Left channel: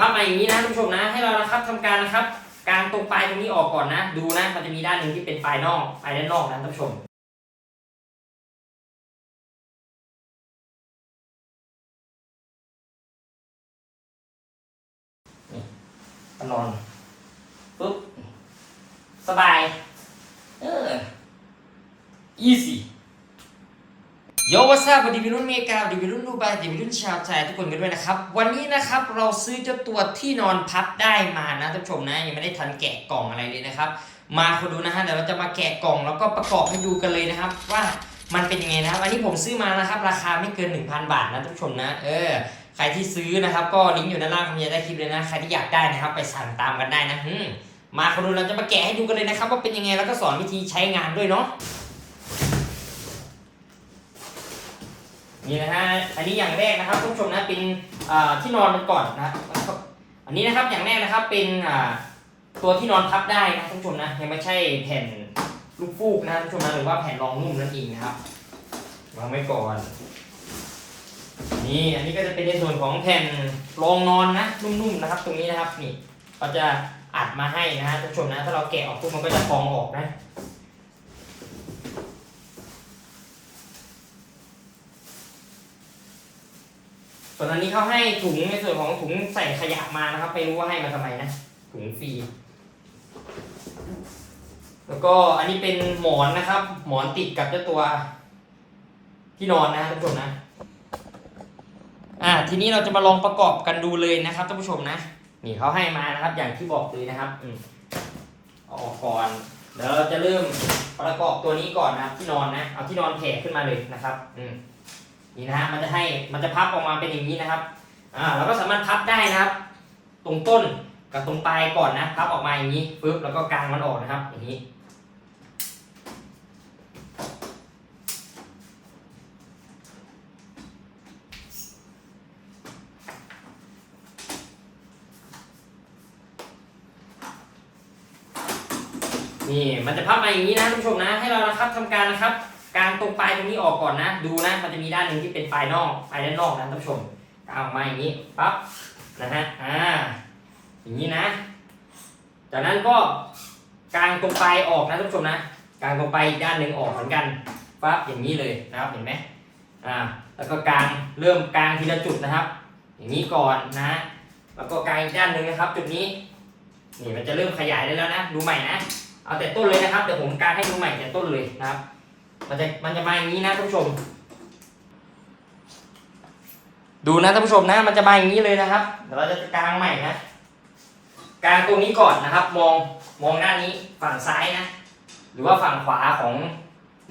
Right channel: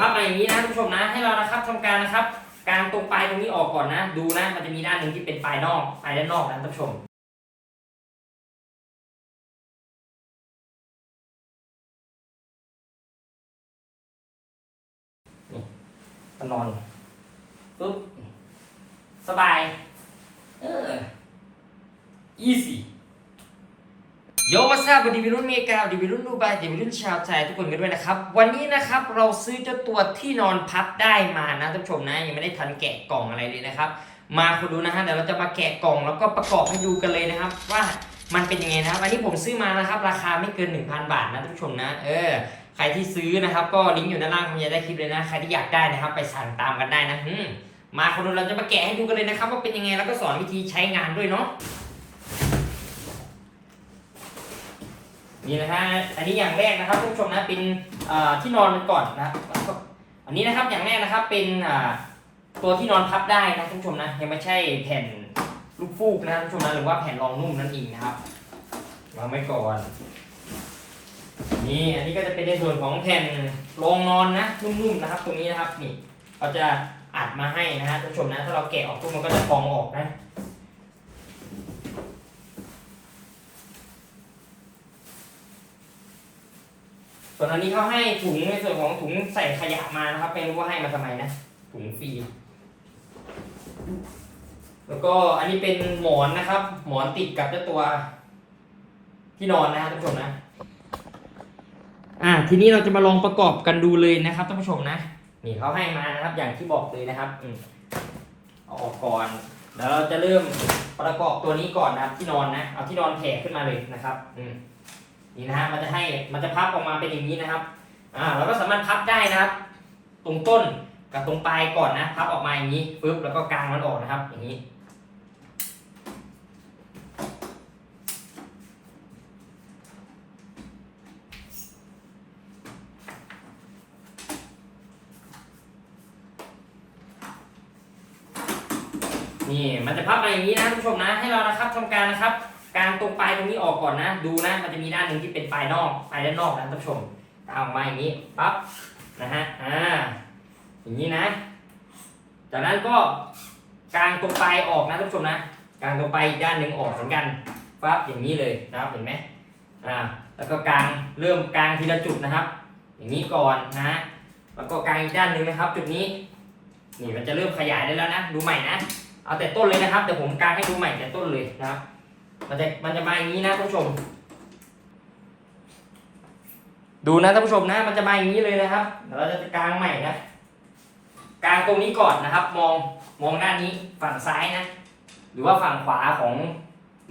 พับมาอย่างนี้นะท่านผู้ชมนะ ให้เรานะครับทำการนะครับกางตรงปลายตรงนี้ออกก่อนนะ ดูนะ มันจะมีด้านหนึ่งที่เป็นปลายนอกปลายด้านนอกนะท่านผู้ชมนี่นอนปุ๊บ สบาย เออ easy ยวัสดีวัยรุ่นเมริกาวัยรุ่นดูไบวัยรุ่นชาวไทยทุกคนกันด้วยนะครับ วันนี้นะครับเราซื้อเจ้าตัวที่นอนพับได้มานะท่านผู้ชมนะยังไม่ได้ทันแกะกล่องอะไรเลยนะครับ มาคุณดูนะฮะเดี๋ยวเราจะมาแกะกล่องแล้วก็ประกอบให้ดูกันเลยนะครับ ว่ามันเป็นยังไงนะครับอันนี้ผมซื้อมานะครับ ราคาไม่เกิน 1,000 บาทนะท่านผู้ชมนะ เออใครที่ซื้อนะครับ ก็ลิงก์อยู่ด้านล่างคำจะได้คลิปเลยนะใครที่อยากได้นะครับ ไปสั่งตามกันได้นะมมาคุณดูเราจะมาแกะให้ดูกันเลยนะครับ ว่าเป็นยังไงแล้วก็สอนวิธีใช้งานด้วยเนาะ นี่นะฮะ อันนี้อย่างแรกนะครับท่านผู้ชมนะเป็นที่นอนมันก่อนนะครับอันนี้นะครับอย่างแรกนะครับเป็นตัวที่นอนพับได้นะท่านผู้ชมนะยังไม่ใช่แผ่นลูกฟูกนะท่านผู้ชมนะหรือว่าแผ่นรองนุ่มนั่นเองนะครับวางไว้ก่อนนี่อันนี้ก็จะเป็นในส่วนของแผ่นรองนอนนะนุ่มๆนะครับ ตรงนี้นะครับนี่เขาจะอัดมาให้นะฮะท่านผู้ชมนะ ถ้าเราแกะออกปุ๊บมันก็จะฟองออกนะ ส่วนอันนี้เขาให้ถุงในส่วนของถุงใส่ขยะมานะครับ ไม่รู้ว่าให้มาทำไมนะ ถุงฟรี แล้วก็อันนี้เป็นหมอนนะครับ หมอนติดกับเจ้าตัว ที่นอนนะท่านผู้ชมนะ อ่า ทีนี้เราจะมาลองประกอบกันดูเลยนะครับท่านผู้ชมนะ นี่เขาให้มานะครับ อย่างที่บอกเลยนะครับ อืมเอาออกก่อนเดี๋ยวเราจะเริ่มประกอบตัวนี้ก่อนนะครับที่นอนนะ เอาที่นอนแผ่ขึ้นมาเลยนะครับ อืม นี่นะฮะมันจะให้มันจะพับออกมาเป็นอย่างนี้นะครับอ่าเราก็สามารถพับได้นะครับ ตรงต้นกับตรงปลายก่อนนะพับออกมาอย่างนี้ปึ๊บแล้วก็กางมันออกนะครับ อย่างนี้นี่มันจะพับมาอย่างนี้นะท่านผู้ชมนะให้เรานะครับทำการนะครับ กางตรงปลายตรงนี้ออกก่อนนะ ดูนะ มันจะมีด้านหนึ่งที่เป็นปลายนอกปลายด้านนอกนะท่านผู้ชมกางออกมาอย่างนี้ปั๊บนะฮะอ่าอย่างนี้นะ จากนั้นก็กางตรงปลายออกนะท่านผู้ชมนะกางตรงปลายอีกด้านหนึ่งออกเหมือนกันปั๊บอย่างนี้เลยนะครับเห็นไหมอ่าแล้วก็กางเริ่มกางทีละจุดนะครับ อย่างนี้ก่อนนะ แล้วก็กางอีกด้านหนึ่งนะครับ จุดนี้นี่มันจะเริ่มขยายได้แล้วนะ ดูใหม่นะ เอาแต่ต้นเลยนะครับ เดี๋ยวผมกางให้ดูใหม่แต่ต้นเลยนะครับ มันจะมันจะมาอย่างนี้นะท่านผู้ชม ดูนะท่านผู้ชมนะ มันจะมาอย่างนี้เลยนะครับเดี๋ยวเราจะกางใหม่นะกางตรงนี้ก่อนนะครับ มองมองด้านนี้ฝั่งซ้ายนะ หรือว่าฝั่งขวาของ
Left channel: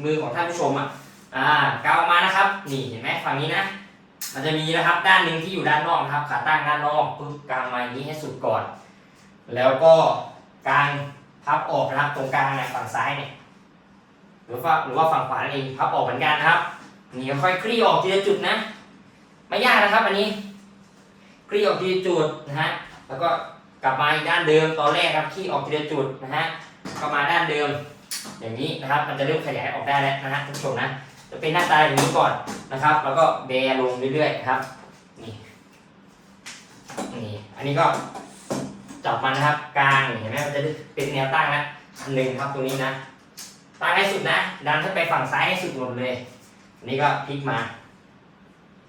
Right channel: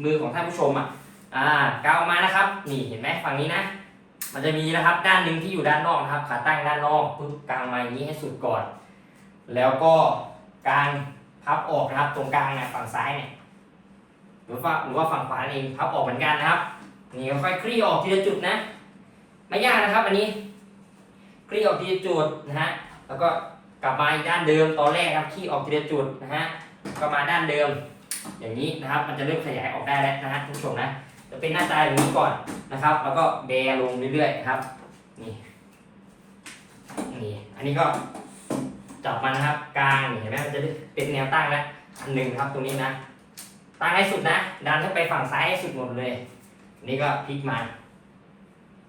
มือของท่านผู้ชมอะอ่ากางออกมานะครับ นี่เห็นไหมฝั่งนี้นะ มันจะมีนะครับ ด้านหนึ่งที่อยู่ด้านนอกนะครับ ขาตั้งด้านนอกปึ๊บกางมาอย่างนี้ให้สุดก่อน แล้วก็กางพับออกนะครับ ตรงกลางนะฝั่งซ้ายเนี่ย หรือว่าหรือว่าฝั่งขวาเองพับออกเหมือนกันนะครับนี่ค่อยคลี่ออกทีละจุดนะ ไม่ยากนะครับอันนี้คลี่ออกทีละจุดนะฮะแล้วก็กลับมาอีกด้านเดิมตอนแรกครับคลี่ออกทีละจุดนะฮะก็มาด้านเดิม อย่างนี้นะครับ มันจะเริ่มขยายออกได้แล้วนะฮะทุกชมนะจะเป็นหน้าตาอย่างนี้ก่อนนะครับ แล้วก็แบลงเรื่อยๆนะครับนี่นี่อันนี้ก็จับมันนะครับกลางเห็นไหมมันจะเป็นแนวตั้งนะอันหนึ่งครับตรงนี้นะ ตั้งให้สุดนะดันขึ้นไปฝั่งซ้ายให้สุดหมดเลยนนี้ก็พลิกมา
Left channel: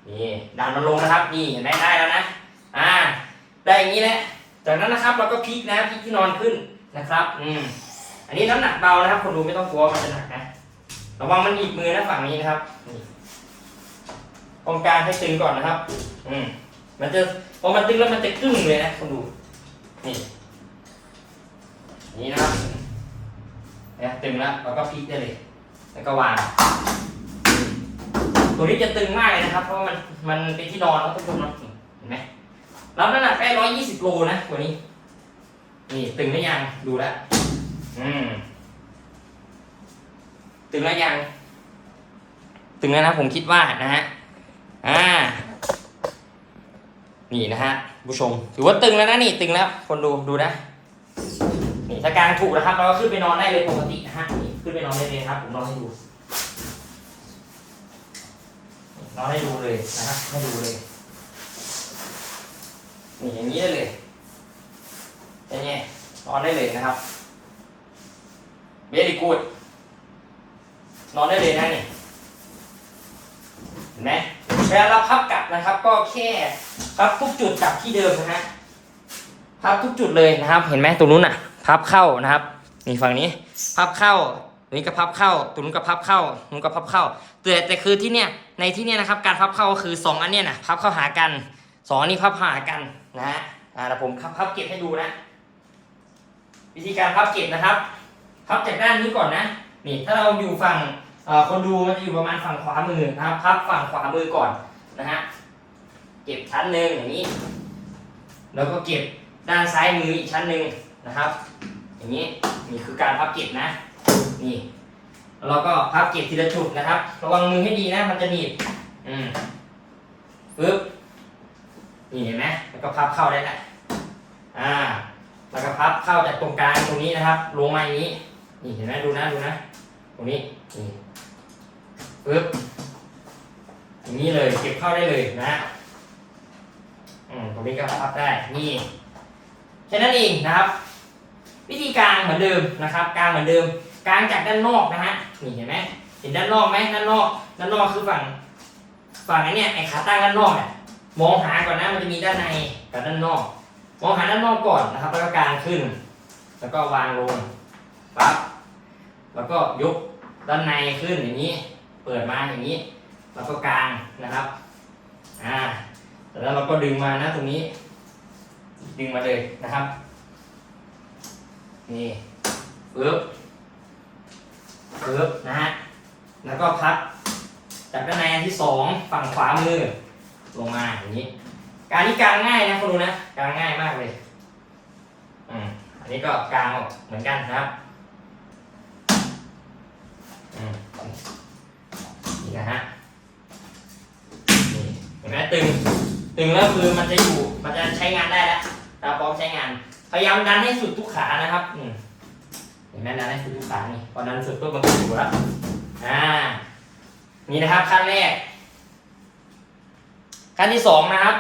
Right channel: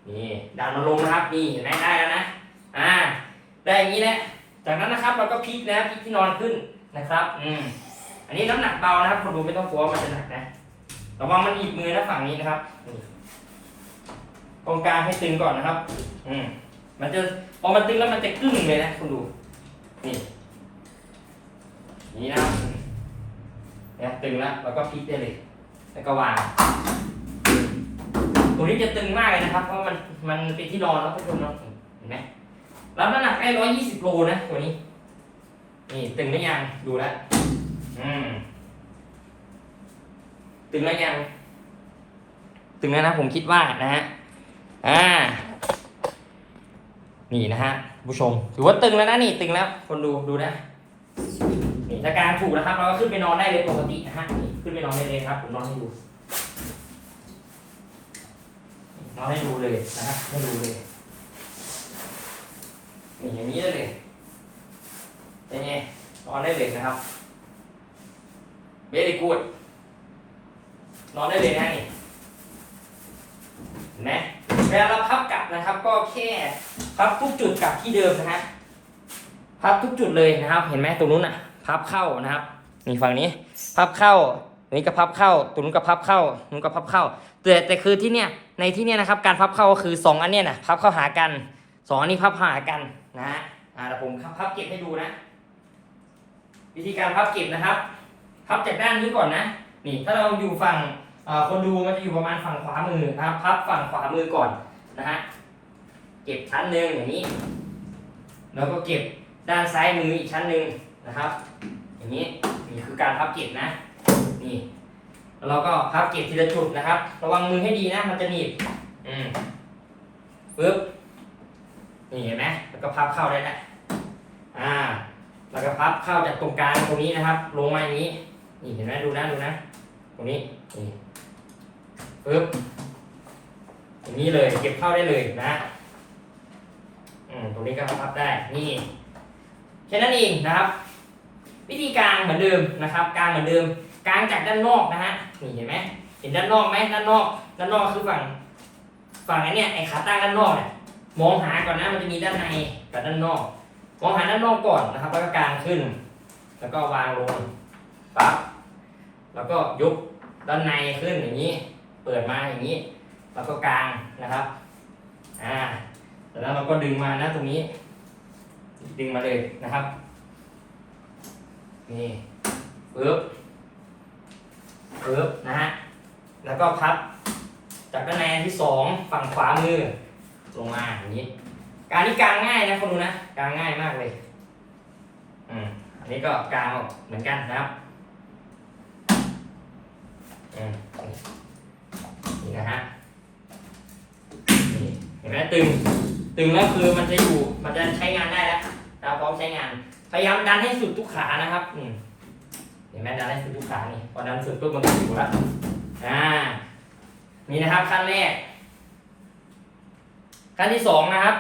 นี่ดันมันลงนะครับ นี่ได้ได้แล้วนะ อ่า ได้อย่างนี้แหละ จากนั้นนะครับเราก็พลิกนะพลิกที่นอนขึ้นนะครับ อืม อันนี้น้ำหนักเบานะครับ คนดูไม่ต้องกลัวมันจะหนักนะ ระวังมันหนีบมือนะฝั่งนี้นะครับ นี่ตรงกลางให้ตึงก่อนนะครับ อืม มันจะพอมันตึงแล้วมันจะกึ้งเลยนะคุณดู นี่ นี่นะครับ นี่ยตึงแล้วเราก็พลิกได้เลย แล้วก็วางตัวนี้จะตึงมากเลยนะครับ เพราะมันมันเป็นที่นอนแล้วทุกคนนาะเห็นไหมรับน้ำหนักได้ร้อยยี่สิบโลนะตัวนี้ นี่ตึงหรือยังดูแล้วอืมตึงแล้วยัง ตึงแล้วนะผมคิดว่านะฮะอ่า นี่นะฮะผู้ชม ถือว่าตึงแล้วนะนี่ตึงแล้ว คนดูดูนะ นี่ถ้ากางถูกนะครับเราก็ขึ้นไปนอนได้เลยปกตินะฮะขึ้นไปนอนได้เลยครับผมนอนให้ดูนอนให้ดูเลยนะครับให้ดูเลยนี่อย่างนี้ได้เลยเป็นไงนอนได้เลยนะครับเบรกูดนอนได้เลยนะนี่เห็นไหมเวลาเราพับกลับนะครับ ก็แค่พับทุกจุดกลับที่เดิมนะฮะพับทุกจุดเลยนะครับ เห็นไหมตรงนู้นอะ พับเข้านะครับนี่ฝั่งนี้พับเข้าตรงนี้ก็พับเข้าตรงนู้นก็พับเข้าตรงนู้นก็พับเข้าแต่แต่คือที่เนี้ยในที่เนี้ยนะครับการพับเข้าก็คือสองอันเนี้ยนะพับเข้าหากันสองอันนี้พับหากันนะฮะอ่าเดี๋ยวผมพับเก็บให้ดูนะวิธีการพับเก็บนะครับ พับจากด้านนี้ก่อนนะนี่ถ้าเราอยู่ฝั่งคนดูมันจะอยู่ประมาณฝั่งขวามือนะครับ พับฝั่งขวามือก่อนนะฮะเก็บชั้นหนึ่งอย่างนี้ แล้วก็เก็บด้านซ้ายมืออีกชั้นหนึ่ง นะครับ อย่างนี้นี่คือการพับเก็บนะนี่แล้วเราก็พับเก็บทีละจุดนะครับระวังมือให้ดีนะ มันจะหนีบอืมปึ๊บนี่เห็นไหมแล้วก็พับเข้าได้แล้วอ่า แล้วก็พับเข้าจากตรงกลางตรงนี้นะครับ ลงมาอย่างนี้ นี่เห็นไหมดูนะดูนะ ตรงนี้นี่ปึ๊บอย่างนี้เลยเก็บเข้าได้เลยนะอืมตรงนี้ก็พับได้นี่แค่นั้นเองนะครับ วิธีการเหมือนเดิมนะครับกางเหมือนเดิมกางจากด้านนอกนะฮะนี่เห็นไหมเห็นด้านนอกไหมด้านนอกด้านนอกคือฝั่งฝั่งไอ้เนี่ยไอ้ขาตั้งด้านนอกเนี่ยมองหาก่อนนะมันจะมีด้านในกับด้านนอก มองหาด้านนอกก่อนนะครับ แล้วก็กางขึ้น แล้วก็วางลงปั๊บแล้วก็ยกด้านในขึ้นอย่างนี้ เปิดมาอย่างนี้ แล้วก็กางนะครับอ่าแล้วเราก็ดึงมานะตรงนี้ ดึงมาเลยนะครับ นี่ปึ๊บปึ๊บนะฮะ แล้วก็พับจากด้านในอันที่สองฝั่งขวามือ ลงมาอย่างนี้ การนี้กางง่ายนะคุณดูนะกางง่ายมากเลยอืมอันนี้ก็กางออกเหมือนกันนะครับอืมนี่นะฮะนี่เห็นไหมตึง ตึงแล้วคือมันจะอยู่มันจะใช้งานได้แล้วเราพร้อมใช้งาน พยายามดันให้สุดทุกขานะครับอืมเห็นไหมดันให้สุดทุกขานี่พอดันสุดปุ๊บมันก็อยู่แล้วอ่านี่นะครับขั้นแรกขั้นที่สองนะครับ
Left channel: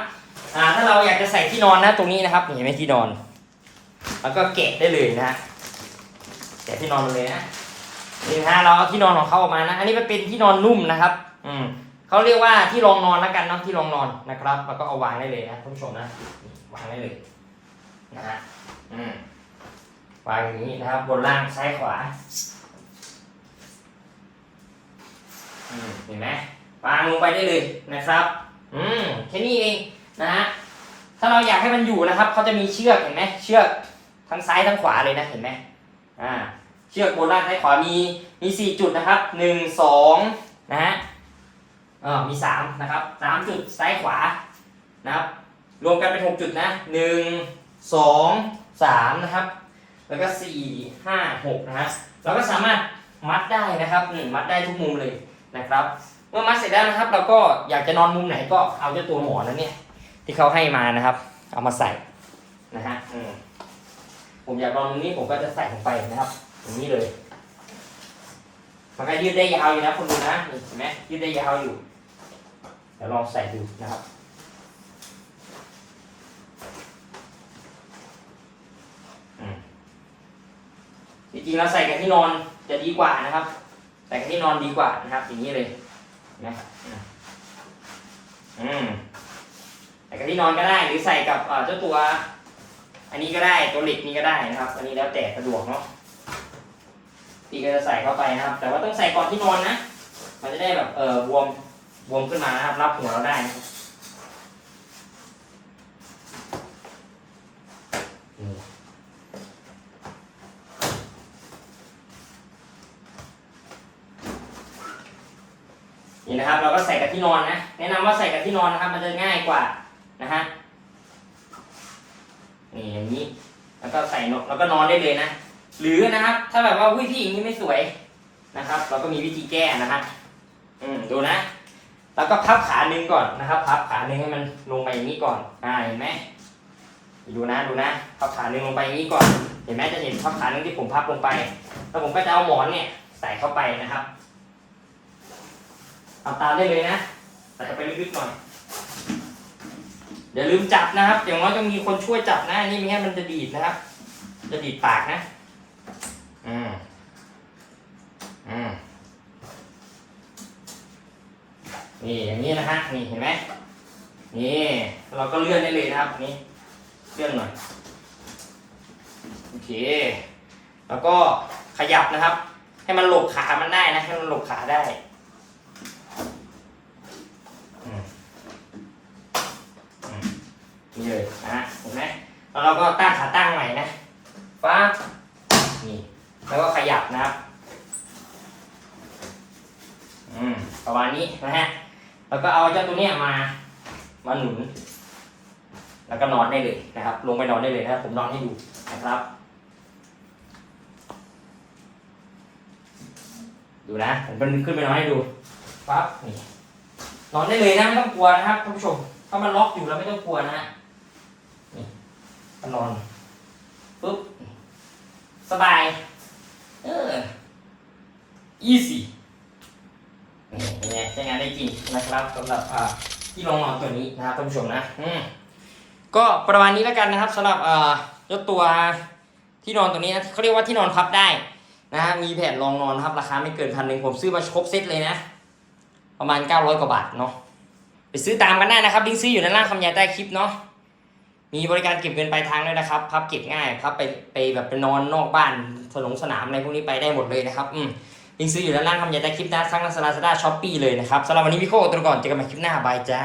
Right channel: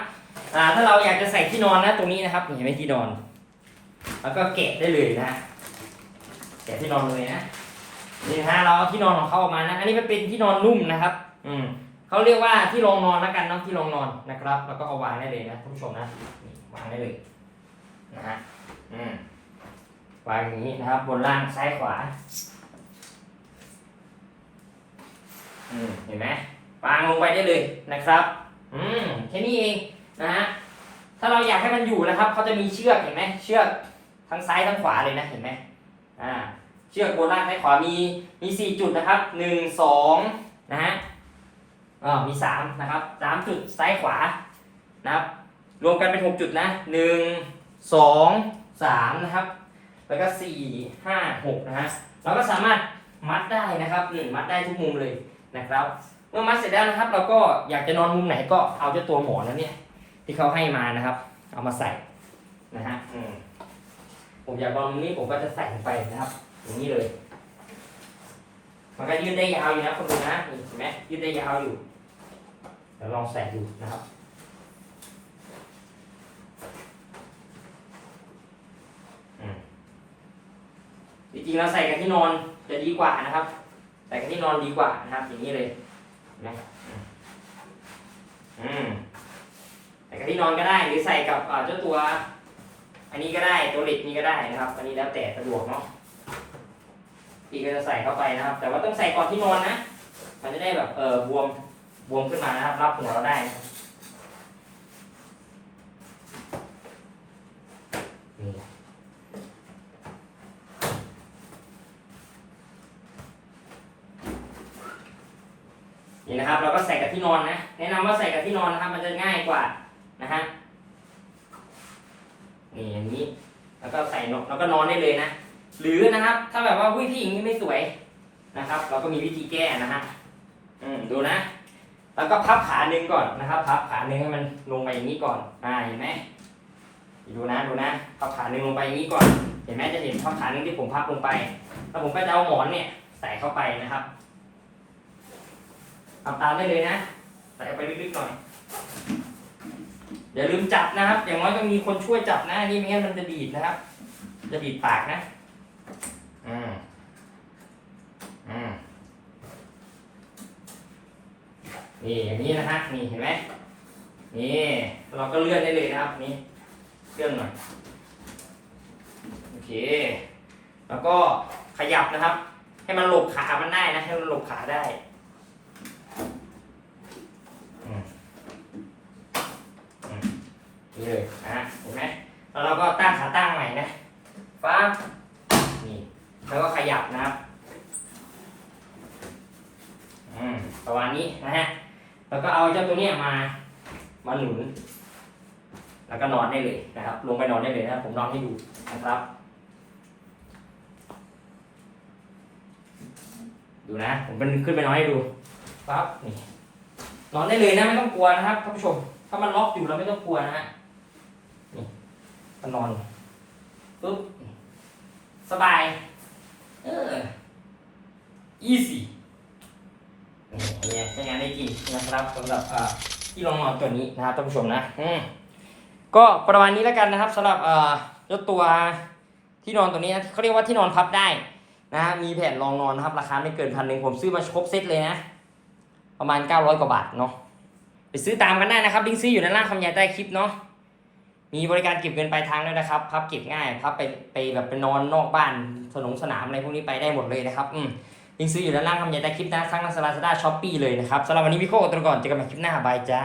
อ่าถ้าเราอยากจะใส่ที่นอนนะตรงนี้นะครับเห็นไหมที่นอน แล้วก็แกะได้เลยนะฮะแกะที่นอนมาเลยนะนี่นะฮะเราเอาที่นอนของเขาออกมานะ อันนี้มันเป็นที่นอนนุ่มนะครับ อืมเขาเรียกว่าที่รองนอนแล้วกันเนาะที่รองนอนนะครับ แล้วก็เอาวางได้เลยนะท่านผู้ชมนะวางได้เลย นะฮะอืมวางอย่างนี้นะครับ บนล่างซ้ายขวา อืมเห็นไหมวางลงไปได้เลยนะครับ อืมแค่นี้เองนะฮะถ้าเราอยากให้มันอยู่นะครับเขาจะมีเชือกเห็นไหมเชือกทั้งซ้ายทั้งขวาเลยนะเห็นไหมอ่าเชือกบนล่างซ้ายขวามีมีสี่จุดนะครับหนึ่งสองนะฮะอ่ามีสามนะครับสามจุดซ้ายขวานะครับ รวมกันเป็นหกจุดนะหนึ่ง สองสามนะครับ แล้วก็สี่ห้าหกนะครับเราก็สามารถมัดได้นะครับอืมมัดได้ทุกมุมเลยนะครับ เมื่อมัดเสร็จแล้วนะครับ เราก็อยากจะนอนมุมไหนก็เอาเจ้าตัวหมอนนั้นเนี่ยที่เขาให้มานะครับ เอามาใส่นะฮะผมอยากนอนมุมนี้ผมก็จะใส่ลงไปนะครับอย่างนี้เลยมันก็ยืดได้ยาวอยู่นะคุณดูนะเห็นไหมยืดได้ยาวอยู่เดี๋ยวลองใส่ดูนะครับ อืมจ ริงๆเราใส่กับที่นอนจะดีกว่านะครับ ใส่กับที่นอนดีกว่านะครับ อย่างนี้เลยเนไหมอืมใส่กับที่นอนก็ได้หรือใส่กับเจ้าตัว อันนี้ก็ได้ตัวเหล็กนี้ก็ได้นะครับ อันนี้แล้วแต่สะดวกเนาะพี่ก็จะใส่เข้าไปนะครับ แต่ว่าต้องใส่ก่อนที่นอนนะ มันจะได้แบบเออบวมบวมขึ้นมานะครับรับหัวเราได้นะครับนี่นี่นะครับ เราก็ใส่กับ ที่นอนนะ แนะนำว่าใส่กับที่นอนนะครับ มันจะง่ายกว่านะฮะ นี่อย่างนี้ แล้วก็ใส่นอนแล้วก็นอนได้เลยนะ หรือนะครับ ถ้าแบบว่าวิธีอย่างนี้ไม่สวยนะครับ เราก็มีวิธีแก้นะฮะ อืมดูนะ แล้วก็พับขาหนึ่งก่อนนะครับ พับขาหนึ่งให้มันลงไปอย่างนี้ก่อน อ่าเห็นไหมดูนะดูนะพับขาหนึ่งลงไปอย่างนี้ก่อน เห็นไหมจะเห็นพับขาหนึ่งที่ผมพับลงไป แล้วผมก็จะเอาหมอนเนี่ยใส่เข้าไปนะครับ ทำตามได้เลยนะใส่ไปลึกๆหน่อยอย่าลืมจับนะครับ อย่างน้อยต้องมีคนช่วยจับนะนี่ไม่งั้นมันจะดีดนะครับ จะดีดปากนะอืมอืมนี่อย่างนี้นะฮะนี่เห็นไหมนี่เราก็เลื่อนได้เลยนะครับนี่เลื่อนหน่อยโอเค แล้วก็ขยับนะครับ ให้มันหลบขามันได้นะให้มันหลบขาได้ นี่เลยนะฮะเห็นไหมแล้วเราก็ตั้งขาตั้งใหม่นะฟ้านี่แล้วก็ขยับนะครับอืมประมาณนี้นะฮะแล้วก็เอาเจ้าตัวเนี้ยมามาหนุน แล้วก็นอนได้เลยนะครับ ลงไปนอนได้เลยนะผมนอนให้ดูนะครับ ดูนะ ผมเป็นขึ้นไปนอนให้ดูปั๊บนี่ อนได้เลยนะไม่ต้องกลัวนะครับท่านผู้ชม ถ้ามันล็อกอยู่แล้วไม่ต้องกลัวนะฮะนี่นอนปุ๊บสบายเออ easy นี่เนี่ยใช้งานได้จริงนะครับสำหรับอ่าที่รองนอนตัวนี้นะครับท่านผู้ชมนะอืมก็ประมาณนี้แล้วกันนะครับสำหรับเอ่อเจ้าตัวที่นอนตัวนี้นะเขาเรียกว่าที่นอนพับได้นะฮะมีแผ่นรองนอนนะครับราคาไม่เกินพันหนึ่งผมซื้อมาครบเซตเลยนะ ประมาณ 900 กว่าบาทเนาะไปซื้อตามกันได้นะครับลิงก์ซื้ออยู่ด้านล่างคำยายใต้คลิปเนาะมีบริการเก็บเงินปลายทางด้วยนะครับ พับเก็บง่ายพับไปไปแบบไปนอนนอกบ้านสนงสนามอะไรพวกนี้ไปได้หมดเลยนะครับอืมลิงก์ซื้ออยู่ด้านล่างคำยายใต้คลิปนะทั้งลาซาด้าช้อปปี้เลยนะครับสำหรับวันนี้พี่โคตัวก่อนเจอกันใหม่คลิปหน้าบายจ้า